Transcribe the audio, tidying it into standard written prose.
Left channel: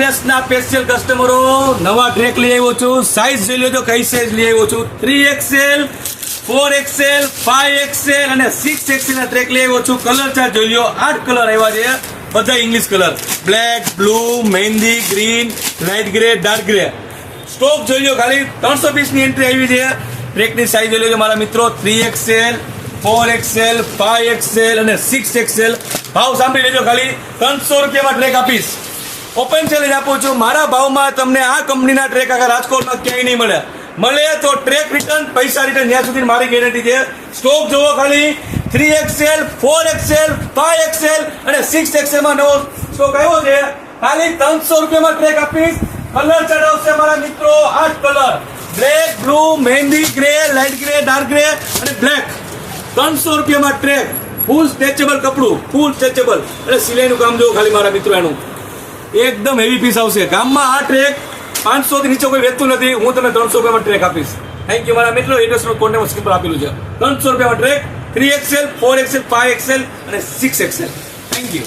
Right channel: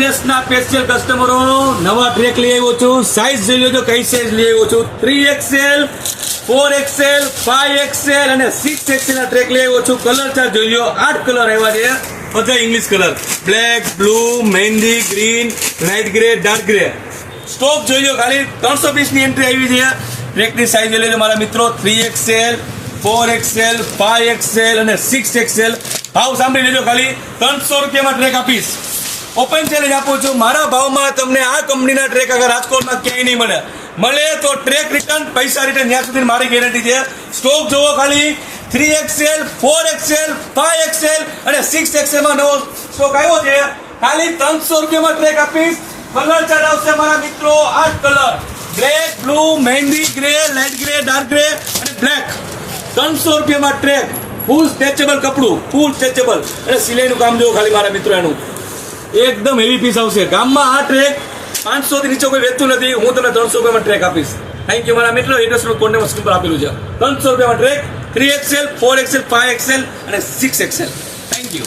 ડ્રેસના special કસ્ટમરો નવા track લઈ આવ્યો છું. સાઈઝ જોઈ લેજો કઈ સાઈઝ લઈ આવ્યો છું. 3XL, 4XL, 5XL અને 6XL ના ટ્રેક લઈ આવ્યો છું. કલર ચાર્ટ જોઈ લો. 8 કલર આવ્યા છે, બધા English colour. Black, blue, mehndi, green, light grey, dark grey. Stock જોઈ લો. ખાલી 300 પીસની એન્ટ્રી આવી છે. ટ્રેકની સાઈઝ જોઈ લેજો મારા મિત્રો. 3XL, 4XL, 5XL અને 6XL. ભાવ સાંભળી લેજો. ખાલી 300 રૂપિયામાં ટ્રેક આપીશ. ઓપન ચેલેન્જ આપું છું. મારા ભાવમાં તમને આ કંપનીના ટ્રેક આગળ રાજકોટમાં ક્યાંય નહીં મળે તો ટ્રેક રિટર્ન, પૈસા રિટર્ન ત્યાં સુધી મારી ગેરંટી છે. સ્ટોક જોવો ખાલી. 3XL, 4XL, 5XL અને 6XL માં નવો સ્ટોક આવ્યો છે. ખાલી 300 રૂપિયામાં ટ્રેક આપીશ. કલર ચાર્ટ આવશે મારા મિત્રો. 8 colour: black, blue, mehndi, grey, light grey, dark grey અને બ્લેક. 300 રૂપિયામાં ટ્રેક. ફૂલ સ્ટ્રેચેબલ કપડું, ફૂલ સ્ટ્રેચેબલ અને સિલાઈનું કામ જોવો ખાલી મારા મિત્રો. એનું એકદમ હેવી પીસ આવશે. ગામમાં આ ટ્રેક 500 થી નીચે કોઈ વેચતું નથી. હું તમને 300 રૂપિયામાં ટ્રેક આપીશ. થેન્ક યુ મારા મિત્રો. એડ્રેસ કોન્ટેક્ટ સ્ક્રીન પર આપેલું છે. 300 રૂપિયામાં ટ્રેક. 3XL, 4XL, 5XL અને 6XL. Thank you.